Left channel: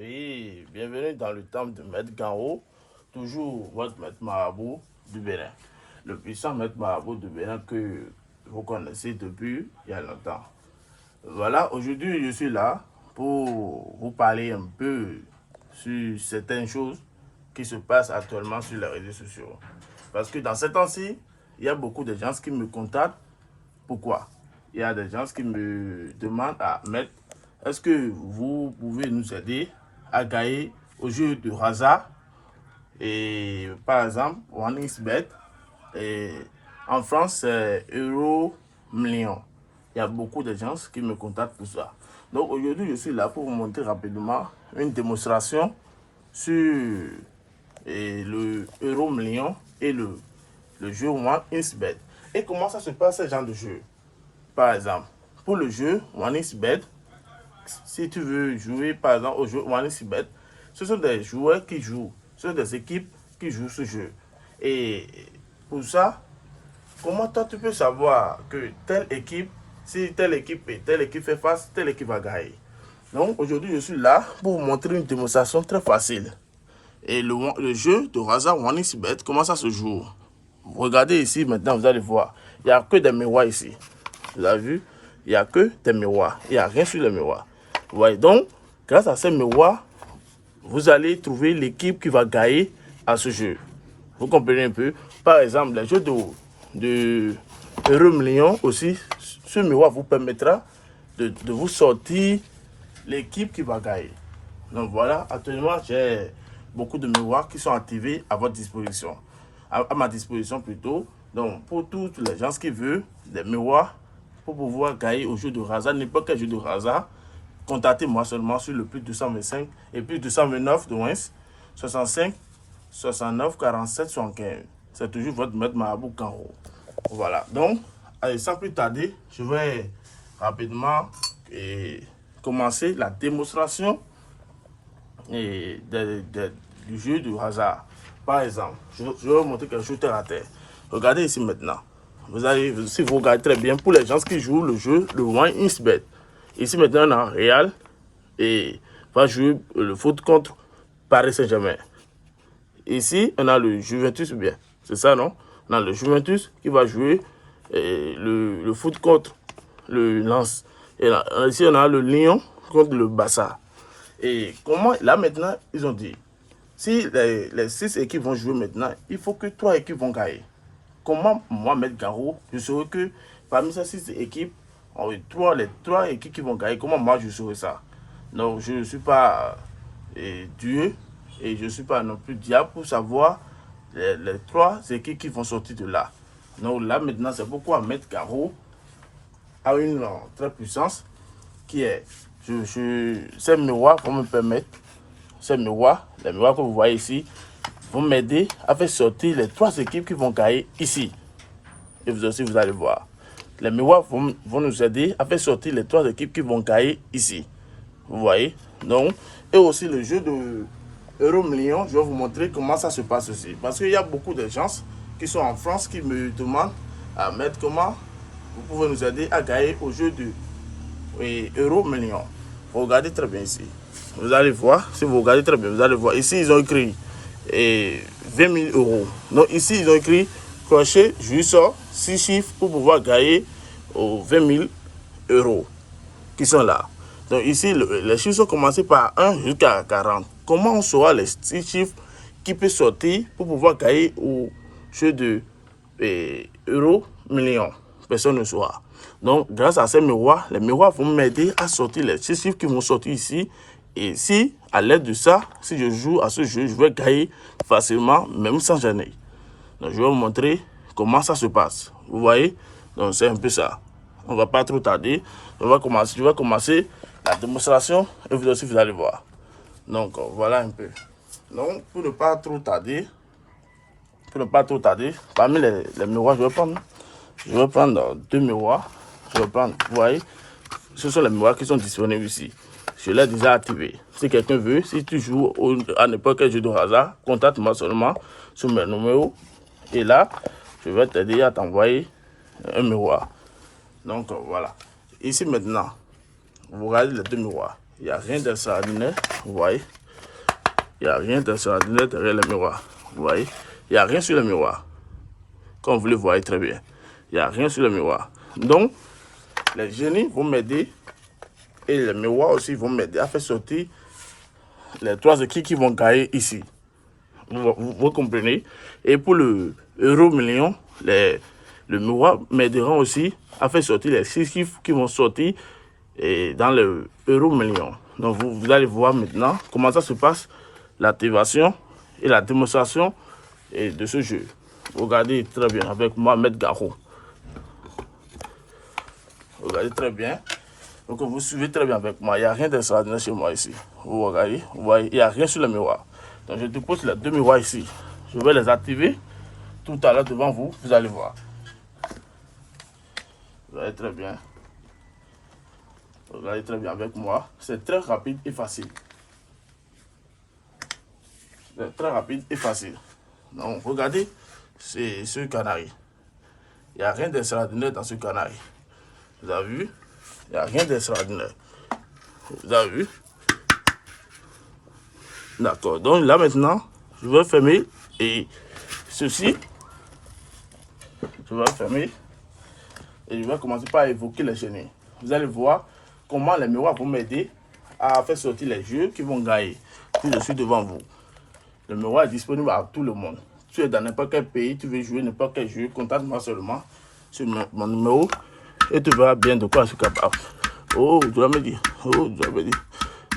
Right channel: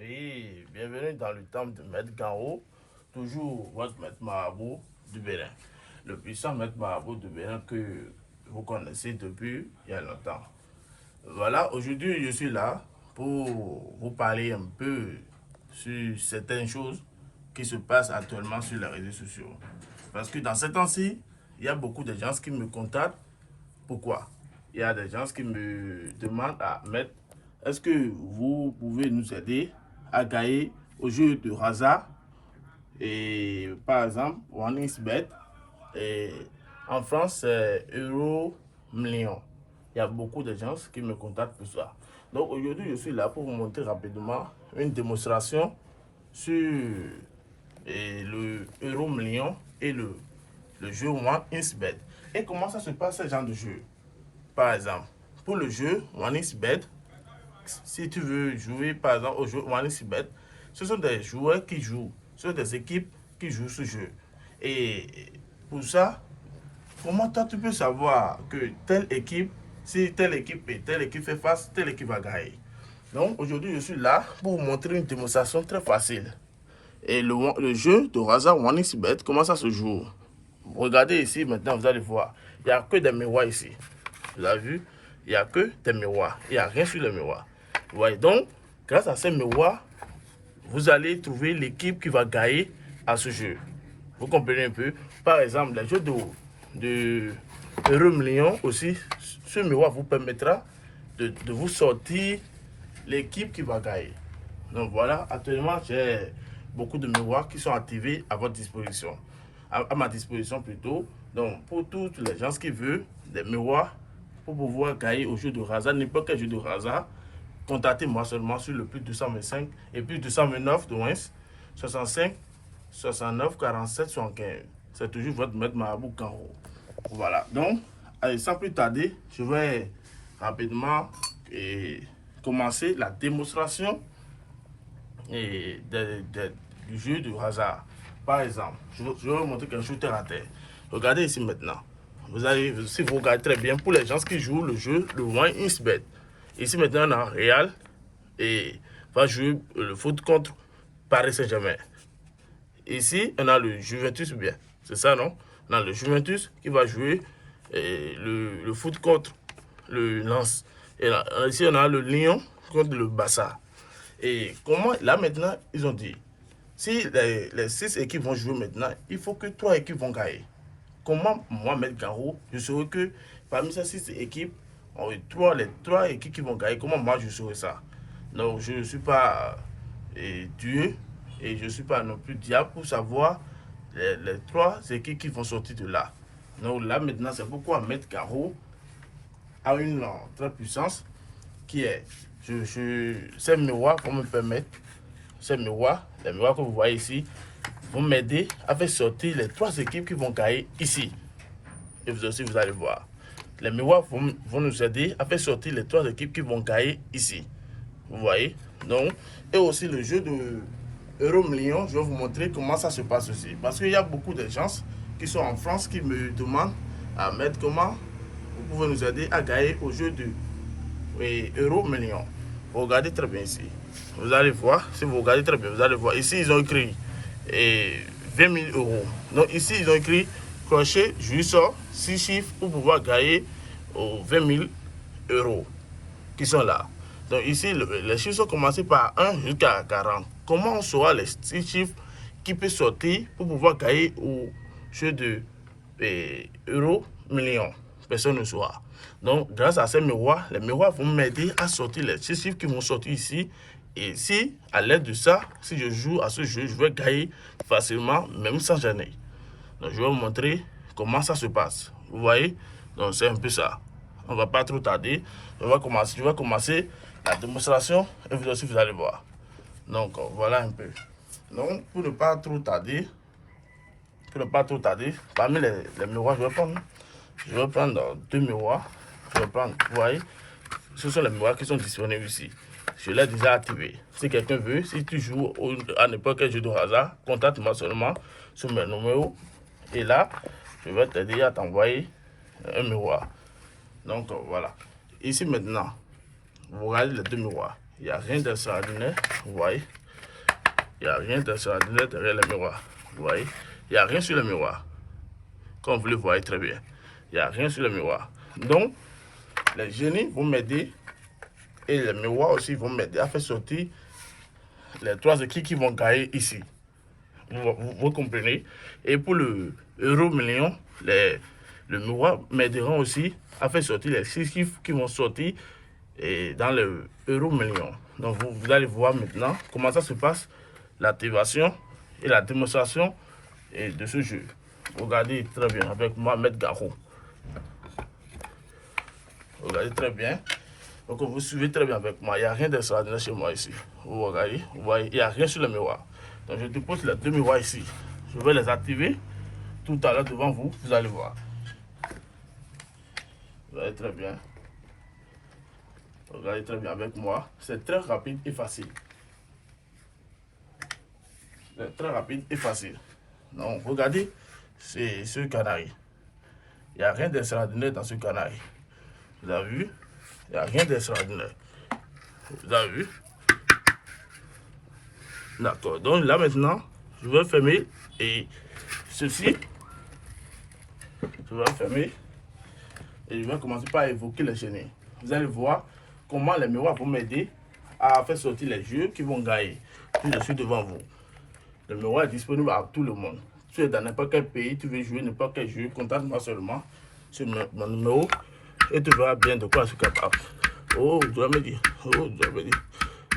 Oui, bienvenue dans le temple de Maître Garo, toujours votre Maître Marabout du Bénin. Le puissant Maître Marabout du Bénin que vous connaissez depuis il y a longtemps. Voilà, aujourd'hui je suis là pour vous parler un peu sur certaines choses qui se passent actuellement sur les réseaux sociaux. Parce que dans ces temps-ci, il y a beaucoup de gens qui me contactent. Pourquoi? Il y a des gens qui me demandent à mettre, est-ce que vous pouvez nous aider à gagner au jeu de hasard? Et par exemple, OneXBet, et en France, c'est Euro Million. Il y a beaucoup de gens qui me contactent pour ça. Donc aujourd'hui, je suis là pour vous montrer rapidement une démonstration sur le Euro Million et le jeu OneXBet. Et comment ça se passe ce genre de jeu? Par exemple, pour le jeu OneXBet, si tu veux jouer par exemple au jeu OneXBet, ce sont des joueurs qui jouent, ce sont des équipes qui jouent ce jeu. Et pour ça, comment toi tu peux savoir que telle équipe, si telle équipe et telle équipe fait face, telle équipe va gagner? Donc aujourd'hui, je suis là pour vous montrer une démonstration très facile. Et le jeu de hasard OneXBet, comment ça se joue? Regardez ici maintenant, vous allez voir. Il n'y a que des miroirs ici. Vous avez vu? Il n'y a que des miroirs. Il n'y a rien sur les miroirs. Vous voyez donc, grâce à ces miroirs, vous allez trouver l'équipe qui va gagner à ce jeu. Vous comprenez un peu? Par exemple, les jeux de Euro Million aussi, ce miroir vous permettra de vous sortir l'équipe qui va gagner. Donc voilà, actuellement, j'ai beaucoup de miroirs qui sont activés à votre disposition. À ma disposition plutôt. Donc pour tous les gens qui veulent des miroirs pour pouvoir gagner au jeu de hasard, n'importe quel jeu de hasard, contactez-moi seulement sur le plus 225 et plus 229 de moins 65 69 47 75. C'est toujours votre maître Marabout Kanro. Voilà, donc, allez, sans plus tarder, je vais rapidement commencer la démonstration du jeu du hasard. Par exemple, je vais vous montrer quelque chose terre à terre. Regardez ici maintenant. Vous allez, si vous regardez très bien, pour les gens qui jouent le jeu, le OneXBet. Ici maintenant, on a Real et va jouer le foot contre Paris Saint-Germain. Ici, on a le Juventus, bien, c'est ça, non? On a le Juventus qui va jouer le foot contre le Lens. Et là, ici, on a le Lyon contre le Barça. Et comment, là maintenant, ils ont dit, si les 6 équipes vont jouer maintenant, il faut que 3 équipes vont gagner. Comment moi, Maître Garo, je saurais que parmi ces 6 équipes, les 3 équipes qui vont gagner, comment moi je saurais ça? Donc je ne suis pas Dieu et je ne suis pas non plus diable pour savoir les 3 équipes qui vont sortir de là. Donc là maintenant, c'est pourquoi Maître Garo a une très puissance qui est, ces miroirs vont me permettre, ces miroirs, les miroirs que vous voyez ici, vont m'aider à faire sortir les 3 équipes qui vont gagner ici. Et vous aussi, vous allez voir. Les miroirs vont nous aider à faire sortir les 3 équipes qui vont gagner ici. Vous voyez? Donc, et aussi le jeu de Euro Million, je vais vous montrer comment ça se passe aussi. Parce qu'il y a beaucoup de gens qui sont en France qui me demandent à mettre comment vous pouvez nous aider à gagner au jeu de Euro Million. Vous regardez très bien ici. Vous allez voir, si vous regardez très bien, vous allez voir. Ici, ils ont écrit 20 000 euros. Donc ici, ils ont écrit crochet, juste 6 chiffres pour pouvoir gagner aux 20 000 euros qui sont là. Donc ici, les chiffres sont commencés par 1 jusqu'à 40. Comment on saura les 6 chiffres qui peuvent sortir pour pouvoir gagner au jeu de euros millions? Personne ne saura. Donc, grâce à ces miroirs, les miroirs vont m'aider à sortir les 6 chiffres qui vont sortir ici. Et si, à l'aide de ça, si je joue à ce jeu, je vais gagner facilement, même sans gêner. Donc, je vais vous montrer comment ça se passe. Vous voyez? Donc, c'est un peu ça. On ne va pas trop tarder. Je vais commencer la démonstration et vous aussi, vous allez voir. Donc, voilà un peu. Donc, pour ne pas trop tarder, parmi les miroirs, je vais prendre 2 miroirs. Je vais prendre, vous voyez, ce sont les miroirs qui sont disponibles ici. Je l'ai déjà activé. Si quelqu'un veut, si tu joues à n'importe quel jeu de hasard, contacte-moi seulement sur mes numéros. Et là, je vais t'aider à t'envoyer un miroir. Donc voilà. Ici maintenant, vous regardez les 2 miroirs. Il n'y a rien d'extraordinaire, vous voyez. Il n'y a rien d'extraordinaire derrière le miroir, vous voyez. Il n'y a rien sur le miroir, comme vous le voyez très bien. Il n'y a rien sur le miroir. Donc, les génies vont m'aider et les miroirs aussi vont m'aider à faire sortir les 3 équipes qui vont gagner ici. Vous comprenez? Et pour le euro million, le miroir m'aidera aussi à faire sortir les 6 chiffres qui vont sortir dans le euro million. Donc vous allez voir maintenant comment ça se passe, l'activation et la démonstration de ce jeu. Regardez très bien avec moi, Maître Garou. Regardez très bien. Donc vous suivez très bien avec moi. Il n'y a rien d'extraordinaire chez moi ici. Vous regardez, vous voyez, il n'y a rien sur le miroir. Donc je dépose les 2 miroirs ici. Je vais les activer tout à l'heure devant vous. Vous allez voir. Vous voyez très bien. Regardez très bien avec moi. C'est très rapide et facile. C'est très rapide et facile. Donc regardez, c'est ce canari. Il n'y a rien d'extraordinaire dans ce canari. Vous avez vu? Il n'y a rien d'extraordinaire. Vous avez vu? D'accord. Donc là maintenant, je vais fermer et ceci. Je vais fermer et je vais commencer par évoquer les génies. Vous allez voir comment les miroirs vont m'aider à faire sortir les jeux qui vont gagner. Tout je suis devant vous. Le miroir est disponible à tout le monde. Tu es dans n'importe quel pays, tu veux jouer n'importe quel jeu, contacte-moi seulement sur mon numéro et tu verras bien de quoi je suis capable. Oh, tu vas me dire. Oh, tu vas me dire.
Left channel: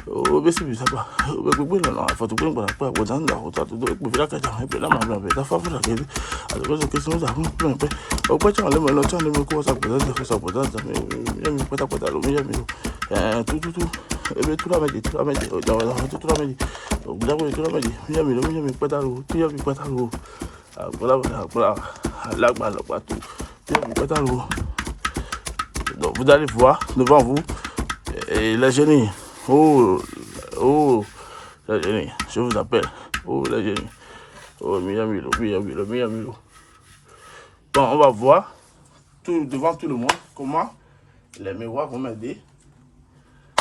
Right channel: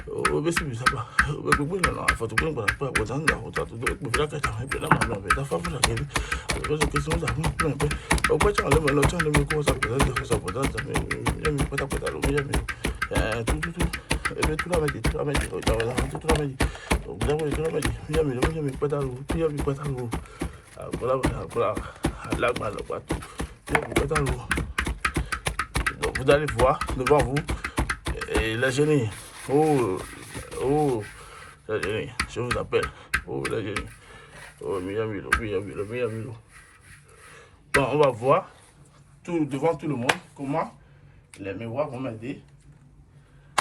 Oh, mais c'est bizarre. Oh, mais pourquoi non? Il faut tout prendre pour la poudre. Il faut tout prendre pour la cacha. Et puis là, ma blonde, la femme, la gueule. Alors, c'est question ça. Pourquoi tu enlèves le tu enlèves quoi ça peut-être ça peut-être. Mais il me peut pas t'allumer, mais tout. Et bien tout la midi, tout la midi. Tout la midi. Donc là, tout la midi. Il me peut t'allumer, il me peut t'allumer. Voilà. Là, mal pas tout. Il me peut t'allumer. Donc vous allez voir devant vous et les génies. Oh, les génies, je vous appelle. Oh, les génies. Oh, Miamilo. Bon, on va voir devant tout le monde comment les miroirs vont m'aider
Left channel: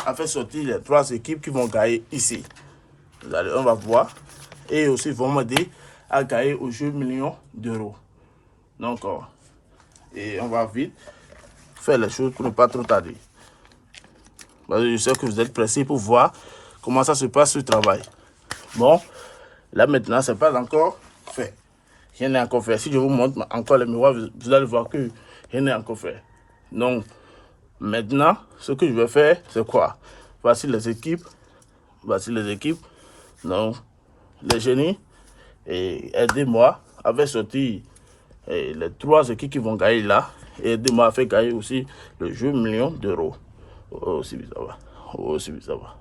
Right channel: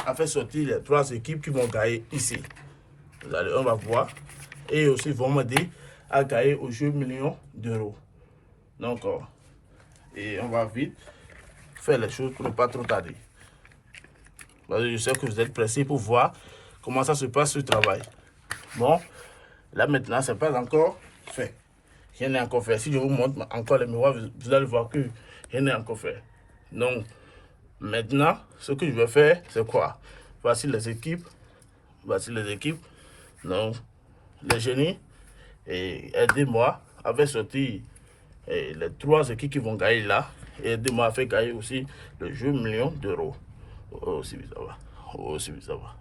à faire sortir les 3 équipes qui vont gagner ici. On va voir. Et aussi, ils vont m'aider à gagner au jeu millions d'euros. Donc, et on va vite faire les choses pour ne pas trop tarder. Je sais que vous êtes pressés pour voir comment ça se passe ce travail. Bon, là maintenant, c'est pas encore fait. Rien n'est encore fait. Si je vous montre encore les miroirs, vous allez voir que rien n'est encore fait. Donc, maintenant, ce que je vais faire, c'est quoi? Voici les équipes. Donc, les génies, et aidez-moi à faire sortir les 3 équipes qui vont gagner là. Et aidez-moi à faire gagner aussi le jeu million d'euros. Oh, c'est bizarre. Oh, c'est bizarre.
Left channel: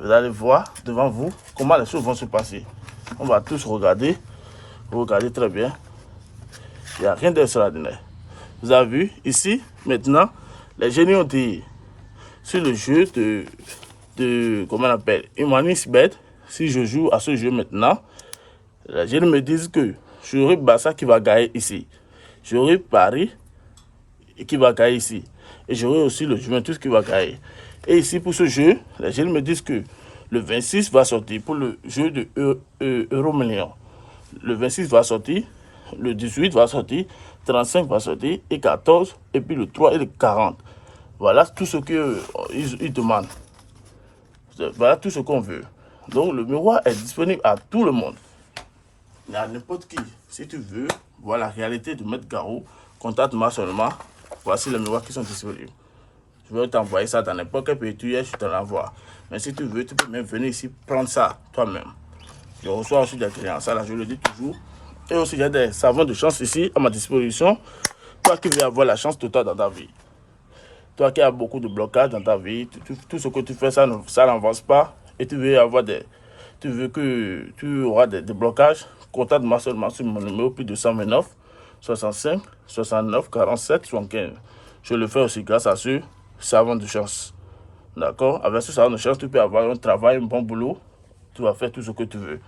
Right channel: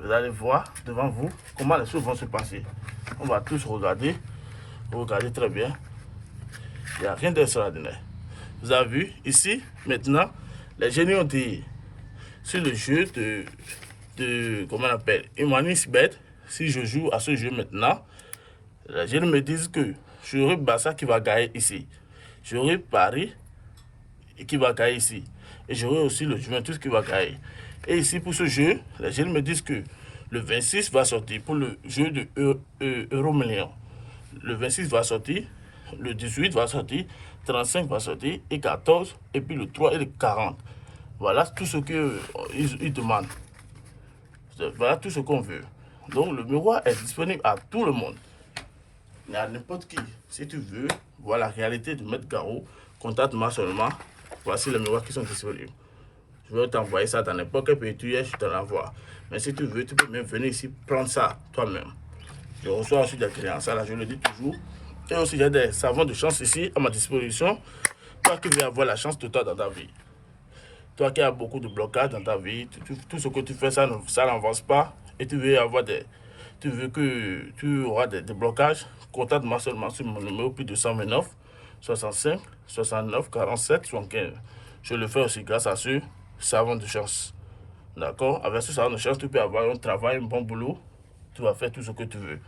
Vous allez voir devant vous comment les choses vont se passer. On va tous regarder. Vous regardez très bien. Il n'y a rien d'extraordinaire. Vous avez vu ici, maintenant, les génies ont dit sur le jeu comment on appelle, Humanisbet. Si je joue à ce jeu maintenant, les génies me disent que j'aurai Barça qui va gagner ici. J'aurai Paris qui va gagner ici. Et j'aurai aussi le Juventus qui va gagner. Et ici, pour ce jeu, les génies me disent que le 26 va sortir pour le jeu de Euro Million. Le 26 va sortir, le 18 va sortir, 35 va sortir, et 14, et puis le 3 et le 40. Voilà tout ce qu'ils demandent. Voilà tout ce qu'on veut. Donc le miroir est disponible à tout le monde. À n'importe qui. Si tu veux voir la réalité de Maître Garou, contacte-moi seulement. Voici les miroirs qui sont disponibles. Je vais t'envoyer ça dans n'importe quel pays tu es, je te l'envoie. Mais si tu veux, tu peux même venir ici prendre ça toi-même. Je reçois aussi des clients, ça là, je le dis toujours. Et aussi, j'ai des savons de chance ici à ma disposition. Toi qui veux avoir la chance totale dans ta vie. Toi qui as beaucoup de blocages dans ta vie, tout ce que tu fais, ça n'avance pas. Et tu veux que tu auras des blocages, contacte-moi seulement sur mon numéro plus de 129 65 69 47 75. Je le fais aussi grâce à ce savon de chance. D'accord? Avec ce savon de chance, tu peux avoir un travail, un bon boulot. Tu vas faire tout ce que tu veux.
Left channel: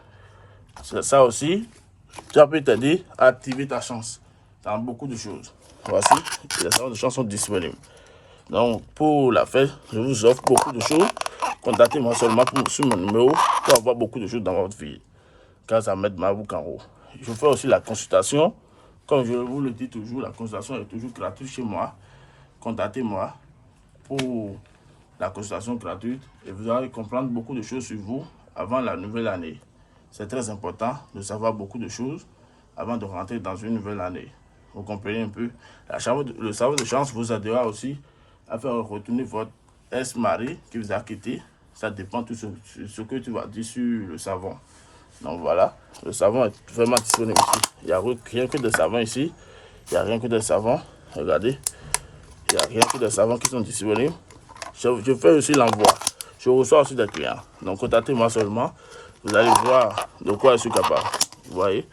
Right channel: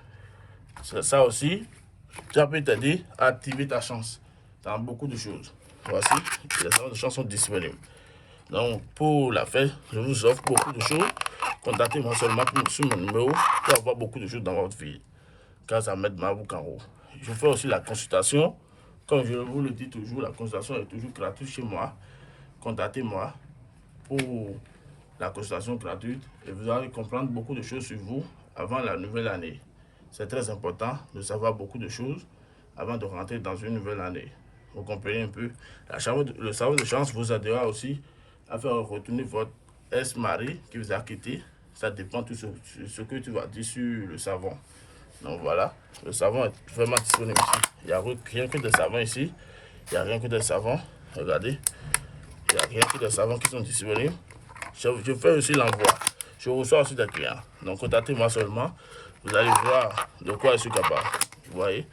C'est ça aussi, ça peut t'aider à activer ta chance. dans beaucoup de choses. Voici, les savons de champ sont disponibles. Donc, pour la fête, je vous offre beaucoup de choses. Contactez-moi seulement sur mon numéro pour avoir beaucoup de choses dans votre vie. Car ça m'aide ma boucle en haut. Je fais aussi la consultation. Comme je vous le dis toujours, la consultation est toujours gratuite chez moi. Contactez-moi pour la consultation gratuite et vous allez comprendre beaucoup de choses sur vous avant la nouvelle année. C'est très important de savoir beaucoup de choses avant de rentrer dans une nouvelle année. Vous comprenez un peu? Le savon de chance vous aidera aussi à faire retourner votre ex-mari qui vous a quitté. Ça dépend de ce que tu vas dire sur le savon. Donc voilà, le savon est vraiment disponible ici. Il n'y a rien que de savon ici. Il n'y a rien que de savon. Regardez. Il n'y a rien que de savons qui sont disponibles. Je fais aussi l'envoi. Je reçois aussi des clients. Donc contactez-moi seulement. Vous allez voir de quoi je suis capable. Vous voyez?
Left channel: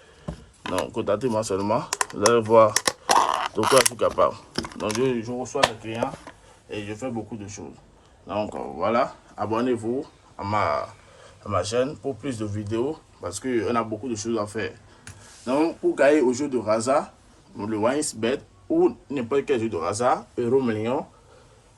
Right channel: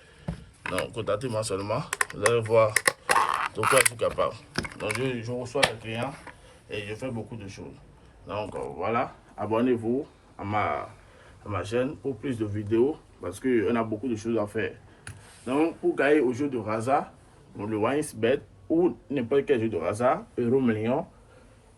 Donc contactez-moi seulement. Vous allez voir de quoi je suis capable. Donc je reçois des clients et je fais beaucoup de choses. Donc voilà. Abonnez-vous à ma chaîne pour plus de vidéos parce qu'on a beaucoup de choses à faire. Donc pour gagner au jeu de hasard, le OneXBet ou n'importe quel jeu de hasard, euro million,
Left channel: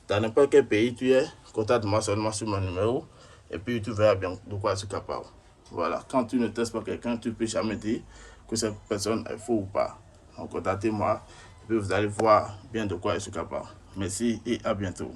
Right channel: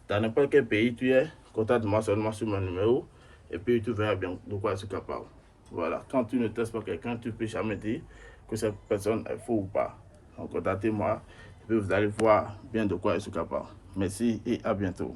dans n'importe quel pays tu es, contacte-moi seulement sur mon numéro et puis tu verras bien de quoi je suis capable. Voilà, quand tu ne testes pas quelqu'un, tu ne peux jamais dire que cette personne est faux ou pas. Donc contactez-moi et puis vous allez voir bien de quoi je suis capable. Merci et à bientôt.